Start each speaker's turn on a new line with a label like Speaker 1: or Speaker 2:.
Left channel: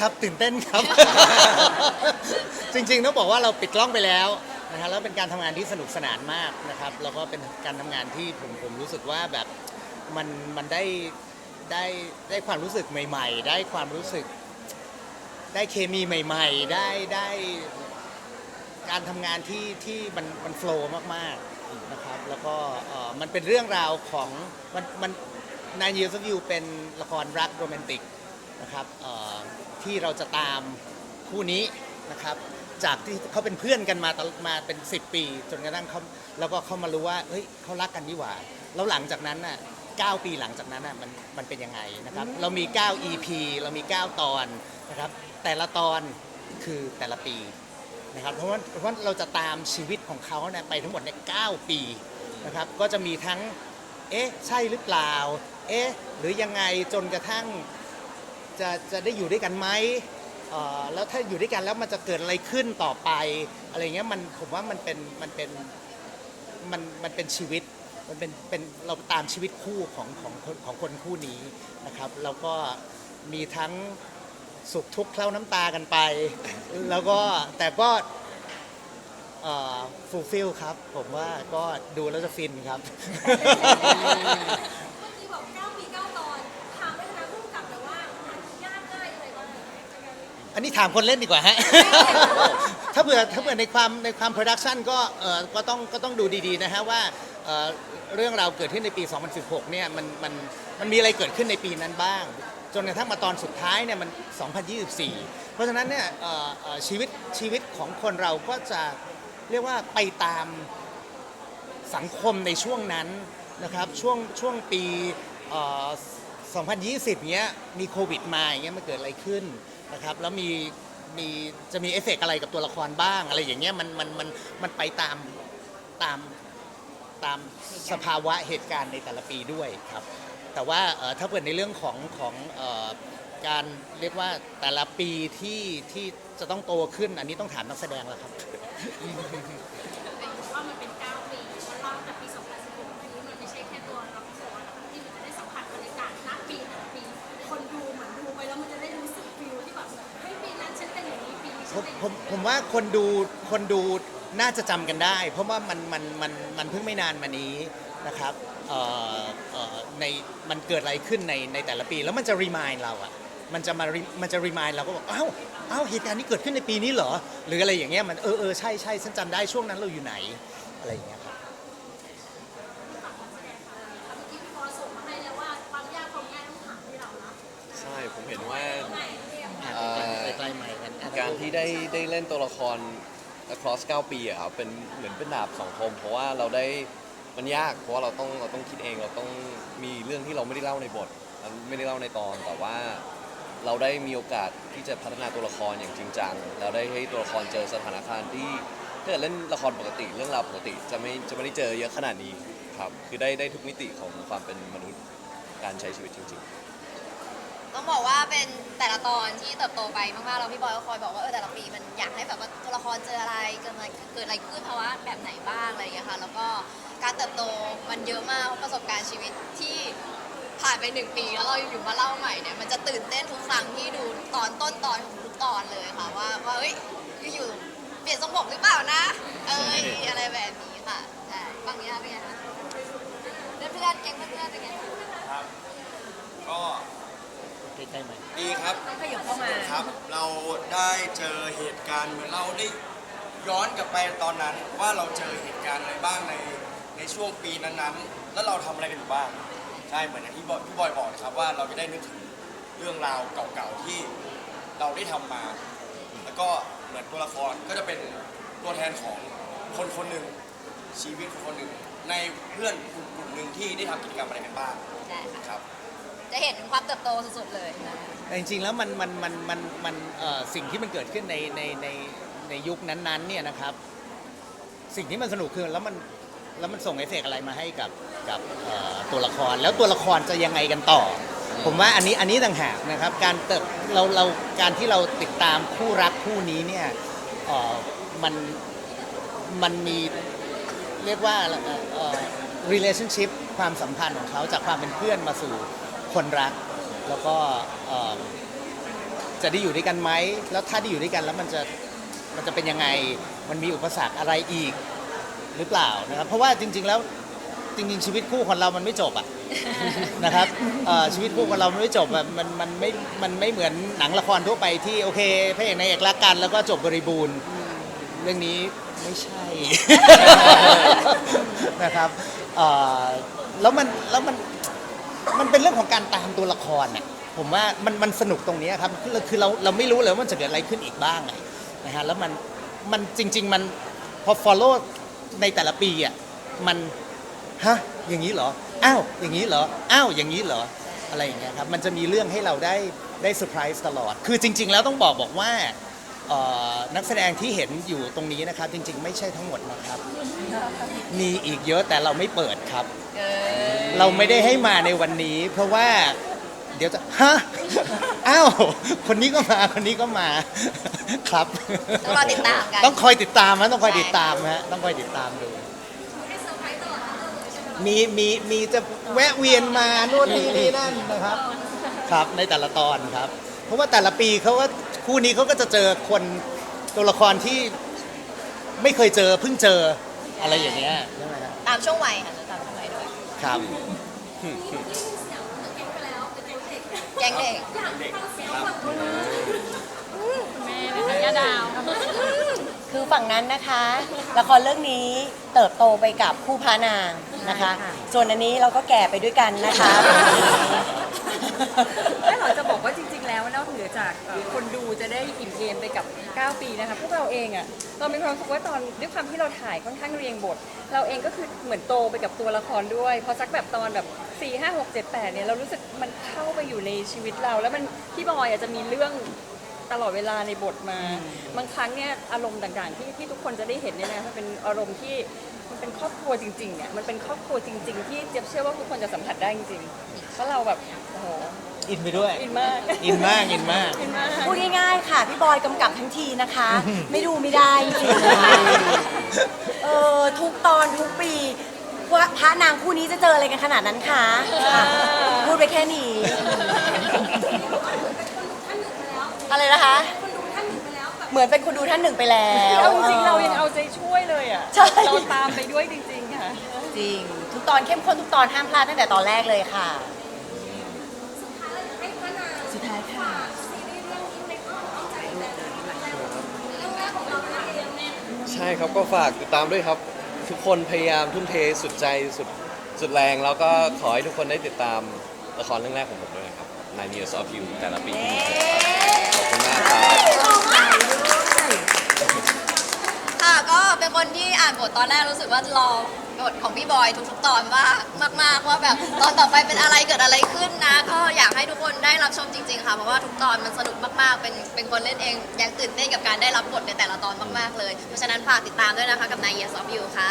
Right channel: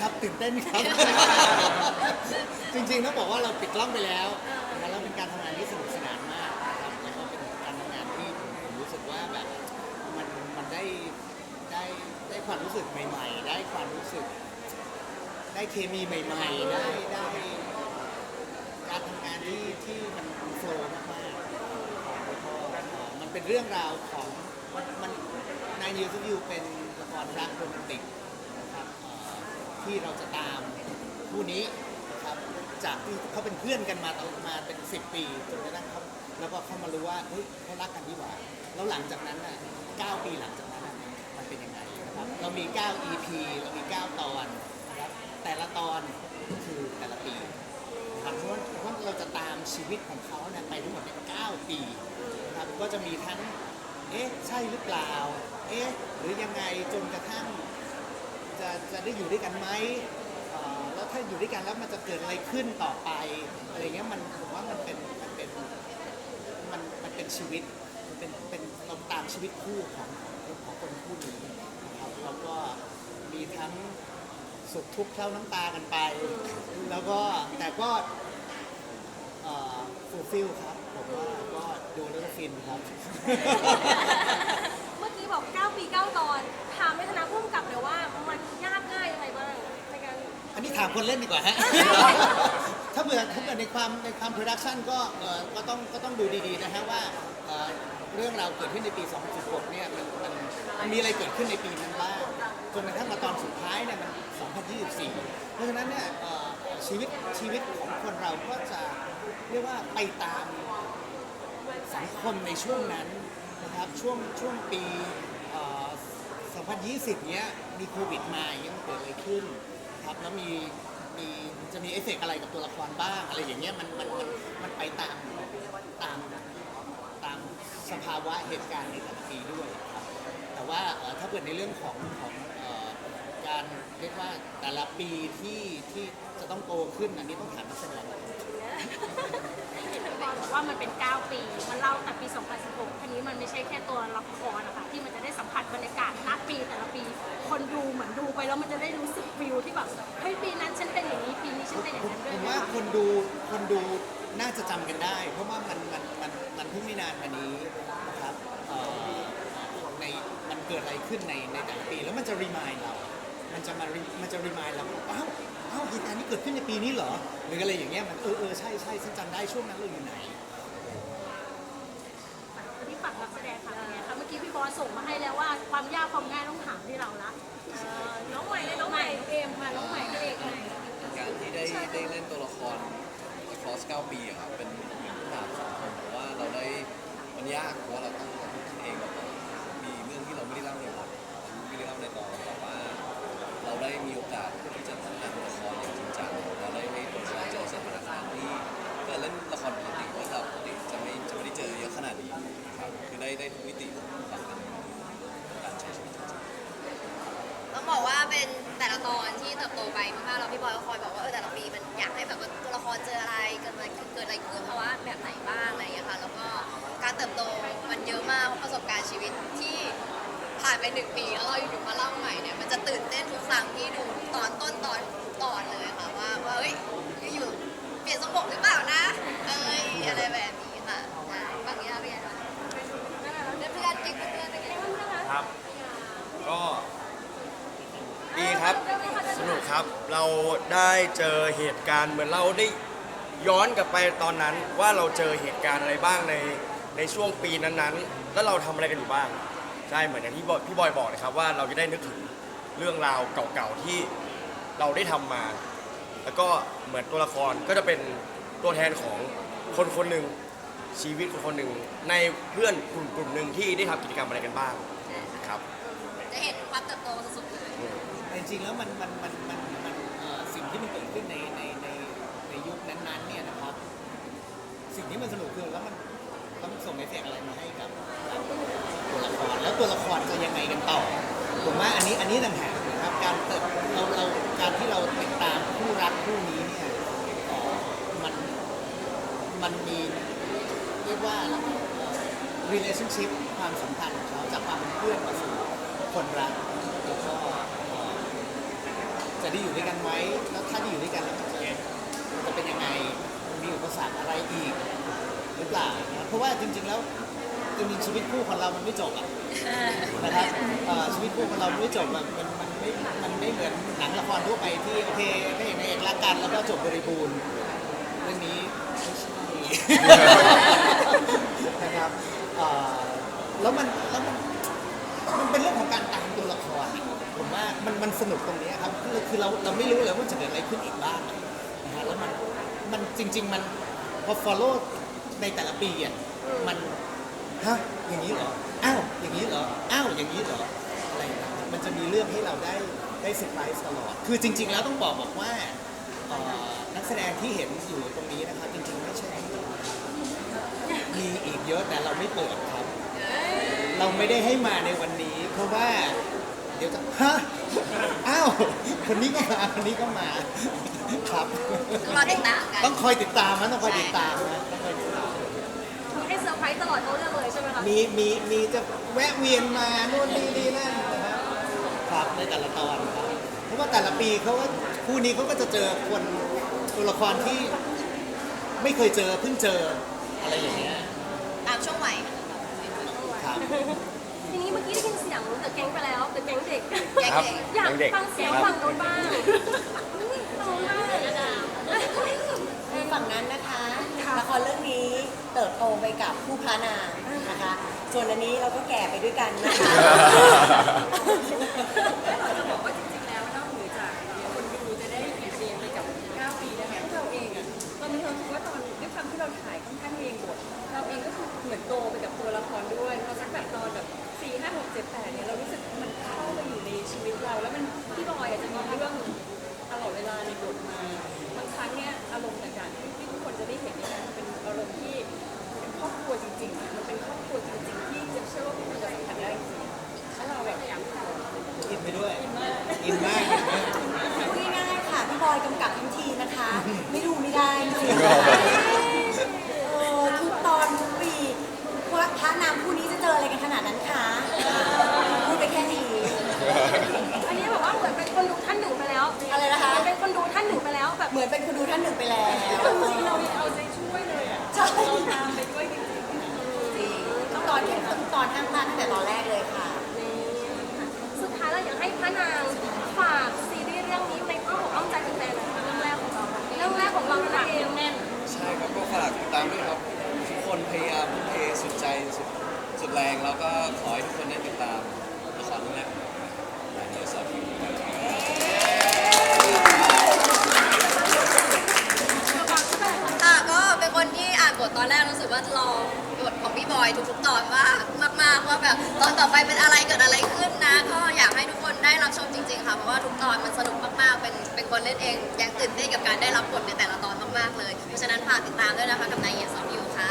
Speaker 1: ครับตื่นเต้นครับ จริงๆต้องบอกว่าเราปิดกล้องไปแล้วนะฮะแล้วเป็นการทำงานที่สนุกสนานมากนะครับ แล้วก็เป็นการทำงานที่ผมรู้สึกว่าแบบมันมันได้ได้ได้ความรู้สึกใหม่ ๆ ได้ความรู้สึก ได้เคมีใหม่ ๆ ได้ได้ การทำงานที่ที่มันมันโฟล์มากๆนะครับแล้วก็เอ่อมันเป็นเรื่องราวของมันมันนายยูสวิวเป็นละครรักโรแมนติกนะครับเอ่อ ที่เราจะตามคู่นี้นะครับ จากที่เขาเป็นเพื่อนกันมาตลอดมาเป็น 10 ปี จนกระทั่งเขาแล้วก็เขามารู้ว่าเฮ้ยเขารักกันนี่หว่า แล้วหลังจากนั้นน่ะ9ปีหลังจากนั้นน่ะมันมันเป็นยังไงนะครับ เรามี 9 EP เรามี 9 ตอนนะครับ แต่ละตอนคือแต่ละปีนะครับเพราะว่าเพราะว่าเราจะตามชีวิตของเขาเนี่ยไปทั้งหมดเนี่ย9ปีนะครับ ก็จะมีทั้ง เอ๊ะ ใช่หรือเปล่า เอ๊ะ หรือยังไงจนกระทั่ง จะจะได้อยู่ด้วยกันไหมเอ่อแล้วถ้าอยู่ด้วยกันแล้วมันจะเกิดอะไรขึ้นต่อไปอะไรเงี้ยมันผมว่ามันเป็นมันเป็นมันมันเป็นชีวิตมันเป็นเป็นเราตามชีวิตคู่ของของของคนคู่นี้นะครับแล้วก็มีทั้งสุขทุกข์เคล้าน้ำตากันไป แล้วก็แต่ก็ฟูลฟิลครับ ผมว่าก็ดูแล้วจะฟินครับ
Speaker 2: นี้ถาม
Speaker 1: คนเล่นดีกว่าฮะ ถ้าเผื่อถ้าเผื่อในความในความโปรดักชันก็เอ่อก็ต้องก็ต้องดูดีๆนะฮะว่าเอ่อเรื่องราวเกิดขึ้นในปี 2016 เนี่ยมันมันมันมีอะไรเกิดขึ้นในปีนั้นบ้าง จนกระทั่งมาตอนสุดท้ายเนี่ยมัน 2024 เพราะฉะนั้นเนี่ยเอ่อเอ่อชีวิตชีวิตของคนเราก็จะเรียกว่าไปตาม สังคมในช่วงนั้นนะครับช่วงช่วงปีเอ่อ2020 เนี้ยมีโควิดมาอย่างเงี้ยมันเกิดอะไรขึ้น นะครับแล้วมีมีจะมีเอฟเฟกต์อะไรกับตัวละครบ้างอะไรอย่างเงี้ยมันมันมันมันไปตามตามตามสภาวะเหตุการณ์ในแต่ละปีด้วยครับแต่ว่าเอ่อถ้าเกิดในเรื่องของของเอ่อการเรียกว่าแต่ละปีที่ที่จะต้องโตขึ้นอันนี้ต้องถามนักแสดงละ
Speaker 2: ครับ ดูน่า
Speaker 1: จะจำกันได้ เพราะว่ามันมันมันมันเพิ่งไม่นานมานี้นะครับเอ่อเอ่อในมันเกิดอะไรขึ้นในในแต่ละปีแล้วมันจะรีมายเราอะมันจะมา re- มันจะรีมายเราก็บอกเอ้าเอ้าเหตุการณ์นี้เกิดขึ้นในปีนี้เหรอ หรืออะไรอย่างเงี้ยมันเออเออใช่ใช่ฉันจำได้ช่วงนั้นเราอยู่ไหนอะไรอย่างเงี้ย
Speaker 2: ที่ฝากการแสดงค่ะเมื่อกี้พี่บอสส่งมาให้แล้วว่าความยากความง่ายต้องถามที่เราละ
Speaker 3: ใช่ผมเห็น
Speaker 2: น้อง
Speaker 3: ว่า
Speaker 2: ใหม่เอ็มค่ะ
Speaker 3: อ่าการที่ได้ได้เล่นตัวละคร cross 9 ปีอะครับเป็นเหมือนเป็นดาบสองคมเพราะว่าเราได้มันยากเพราะว่าเราต้องเราต้องคิดเองเราต้องมีเรื่องที่เราไม่ได้เล่าในบทเราไม่ได้เล่าในตอนแต่ว่า เราได้มีโอกาสที่จะพัฒนาตัวละครอย่างจริงจังเราได้ให้ตัวละครเจอสถานการณ์ที่ถ้าเกิดเล่นละครปกติเรื่องราวปกติจะไม่จะไม่ได้เจอเยอะขนาดนี้ครับคือได้ได้ทุกมิติของความเป็นมนุษย์การใช้ชีวิตจริงๆ
Speaker 4: ต้องบอกว่าเป็นแต่ละตอนที่เติบโตไปมากๆแล้วพี่บอยก็คอยบอกว่าเออแต่ละปีมันอยากให้แบบว่าตัวละครเจออะไรเกิดอะไรเกิดอะไรขึ้นภาวะแบบไหนบ้างอะไรอย่างเงี้ยค่ะแล้วก็การเติบโตมันเยอะมากเพราะประสบการณ์ชีวิตที่ผ่านไปหนึ่งปีแล้วเราอยู่มาเล่าใหม่เนี่ยมันจะตื่นเต้นทุกครั้งที่ดูตอนต้นตอนของทุกตอนเลยค่ะว่าว่าเฮ้ยอยู่ๆเปลี่ยนทรงผมหรือเปล่านะ เอ้ยอะไรแบบนี้ค่ะใช่ฝั่งนี้เป็นไงคะเพื่อนเพื่อนๆแก๊งเพื่อนๆเป็นไงคะ
Speaker 5: ครับ ก็ ดีครับ สนุกครับ เราได้เจอเหตุการณ์เหมือนเราได้ย้อนกลับไปตอนนั้นว่าเราเจอเหตุการณ์อะไรบ้างในในช่วงปีนั้นๆ แล้วเราทำอะไรกันอยู่บ้าง ใช่เหมือนอย่างที่บอยพี่บอยบอกนะครับว่าเราจะได้นึกถึงเรื่องราวเก่าๆที่เราได้ทำมา แล้วก็เหมือนตัวละครก็จะเป็นตัวแทนของคนคนหนึ่งชีวิตคนคนหนึ่งในเพื่อนกลุ่มกลุ่มหนึ่งที่ได้ทำกิจกรรมอะไรกันบ้าง
Speaker 4: ใช่ค่ะ
Speaker 5: ครับ
Speaker 4: จะเห็นถึงความเติบโตสุดๆเลย
Speaker 1: แต่จริงๆแล้วมันมันมันมันมันเอ่อสิ่งที่มันเกิดขึ้นในในในในยุคนั้นๆเนี่ยนะครับ สิ่งที่มันสนุกคือแล้วมันแล้วมันส่งเอฟเฟกต์อะไรมาให้กับกับเอ่อตัวละครแล้วตัวละครจะยังไงกันต่อ ผมว่าอันนี้อันนี้ต่างหากนะครับ การเติบเราเราการที่เราติดตามคู่รักคู่นี้เนี่ยเอ่อมันมันมี เรียกว่าเอ่อ relationship ความสัมพันธ์ของเขาจากความเป็นเพื่อนมาสู่ คนรัก แล้วก็เอ่อจะได้อยู่ด้วยกันไหม แล้วถ้าได้อยู่ด้วยกันแล้วมันจะมันจะเป็นยังไง มันมีอุปสรรคอะไรอีกหรือเปล่านะครับ เพราะว่าจริง ๆ แล้วจริงๆชีวิตคู่ของเรามันไม่จบอะนะครับเอ่อชีวิตคู่ของเรามันไม่จบอะมันมันไม่ มันไม่เหมือนหนังละครทั่วไปที่โอเคพระเอกนายเอกรักกันแล้วก็จบบริบูรณ์ เรื่องนี้ไม่ใช่ นะครับเอ่อแล้วมันแล้วมัน มันเป็นเรื่องของการตามตัวละครอะผมว่ามันมันสนุกตรงนี้ครับคือคือเราเราไม่รู้เลยว่ามันจะเกิดอะไรขึ้นอีกบ้างอะนะฮะแล้วมันมันจริง ๆ มันพอ follow ในแต่ละปีอะมันฮะอย่างนี้เหรออ้าวอย่างนี้เหรออ้าวอย่างนี้เหรออะไรอย่างเงี้ยครับมันจะมีเรื่องให้เราได้ได้เซอร์ไพรส์ตลอด คือจริง ๆ แล้วต้องบอกบอกว่า เอ่อนักแสดงที่เห็นอยู่ตรงนี้นะครับ จริง ๆ ไม่ใช่ทั้งหมดนะครับมีอีกเยอะแต่เราไม่เปิดครับ เราไม่ได้ให้มาในวันนี้ เพราะว่าเดี๋ยวจะฮะอ้าวคนนี้ก็มาคนนี้ก็มาครับ
Speaker 4: ต้องรอติดตามกัน
Speaker 1: ต้องคอยติดตามนะต้องคอย
Speaker 4: ใช่
Speaker 1: ติดตามนะต้องคอยติดตาม
Speaker 2: มีให้เซอร์ไพรส์ตลอดทั้งเรื่องเลยใช่ไหมคะ
Speaker 1: มีมีมีจะแวะเวียนมาโน่นนี่นี่นั่นนะครับ ครับในแต่ละตอนครับ เพราะว่าแต่ละปีเขาก็ คู่นี้เขาก็จะเจอคนตัวละครที่ไม่เคยเจอเพิ่งเจออะไรอย่างเงี้ย
Speaker 4: ตามช่วงวัยค่ะตามช่วงวัยด้วย
Speaker 1: ครับ
Speaker 2: ทีนี้เมื่อกี้ได้ยินเสียงเดอะแก๊งไปแล้วเดอะแก๊งเด็ก
Speaker 4: แก๊งเด็ก
Speaker 2: อยาก
Speaker 5: เด็ก
Speaker 2: ฟังเสียง
Speaker 5: ครับ
Speaker 2: ฝั่งตรงนี้ยาดาว
Speaker 6: คือฝั่งนั้นนะคะละครเรื่องนี้เติบโตไปกับผู้พานางนะคะส่วนอันนี้เราก็แก่ไปด้วยกันนะคะ
Speaker 7: ความที่เราถ่ายค่อนข้างเรียงบท เราเองก็คือเหมือนโตไปกับตัวละครด้วยพอสักแบบตอนแบบ4 5 6 7 8เนี่ยเรารู้สึกมันเข้ามาอยู่ในชีวิตเรา แล้วมันพี่บอยอาจจะมีเรื่องตลอดเวลาในบทมา บางครั้งเนี่ยอารมณ์ต่างๆที่ที่ทุกคนจะได้เห็นเนี่ยนะมันเป็นอารมณ์ที่มันเป็นครอบครัวจริงๆอะมันเป็นครอบครัวจริง ๆ ที่เจะเชื่อว่าทุกคนจะสัมผัสได้จริงๆแล้วเราแบบโอ้โห
Speaker 1: อินไปด้วย
Speaker 7: อินมาก
Speaker 1: อินมาก อินมาก
Speaker 7: อินมาก
Speaker 6: พูดง่ายๆค่ะ พี่บอยกำกับทั้งทีนะคะ ไม่ดูไม่ได้จริงๆ พระนางคู่นี้จะเจออะไรกันขนาดนั้นคะค่ะพูดไปแค่นี้
Speaker 2: นี่แบบว่าเหมือนเป็นคนดูท่านหนึ่งไปแล้ว
Speaker 6: อะไรนะคะ
Speaker 2: เป็นคนดูท่านหนึ่งไปแล้วแบบ
Speaker 6: เหมือนเป็นคนดูท่านหนึ่งไปแล้ว
Speaker 7: เอาจริงๆเรายังเอาใจช่วยเลยอะ
Speaker 6: ใช่
Speaker 7: เราตามไปด้วยจริงๆค่ะ
Speaker 6: จริงทุกตอนเข้มข้นทุกตอนห้ามพลาดตั้งแต่ตอนแรกเลยค่ะ
Speaker 2: สุดท้ายเราอยากให้พระนางฝากซีรีส์เรื่องนี้ไปเข้าของอ้อมใจอีกในเรื่องแรกของเราเรื่องแรกของเราเองแน่น
Speaker 3: ใช่ครับก็ฝากติดตามด้วยครับ ทุกคนพยายามทุ่มเทสุดใจสุดสุดแรง แล้วก็ขอให้ทุกคนได้ติดตามละครเรื่องแรกของผมด้วยนะครับ Nine Years of You แต่ละปี
Speaker 4: ค่ะก็เป็นคนที่อ่านบทตอนแรกรู้สึกว่ารอ ทของพี่บอยทุกๆตอนว่ามากๆว่าแบบตอนต่อไปเป็นอะไรเกิดอะไรขึ้นนะ ก็อยากให้ทุกคนได้รับชมจริง ๆ ค่ะเพราะว่าทุกตอนมันสนุกมากๆ เป็นเป็นคนเล่นเองยังตื่นเต้นกับการได้รับบทในแต่ละตอนมากๆเลย เพราะฉะนั้นฝากติดตามด้วยนะคะกับนายเยสอฟยูค่ะ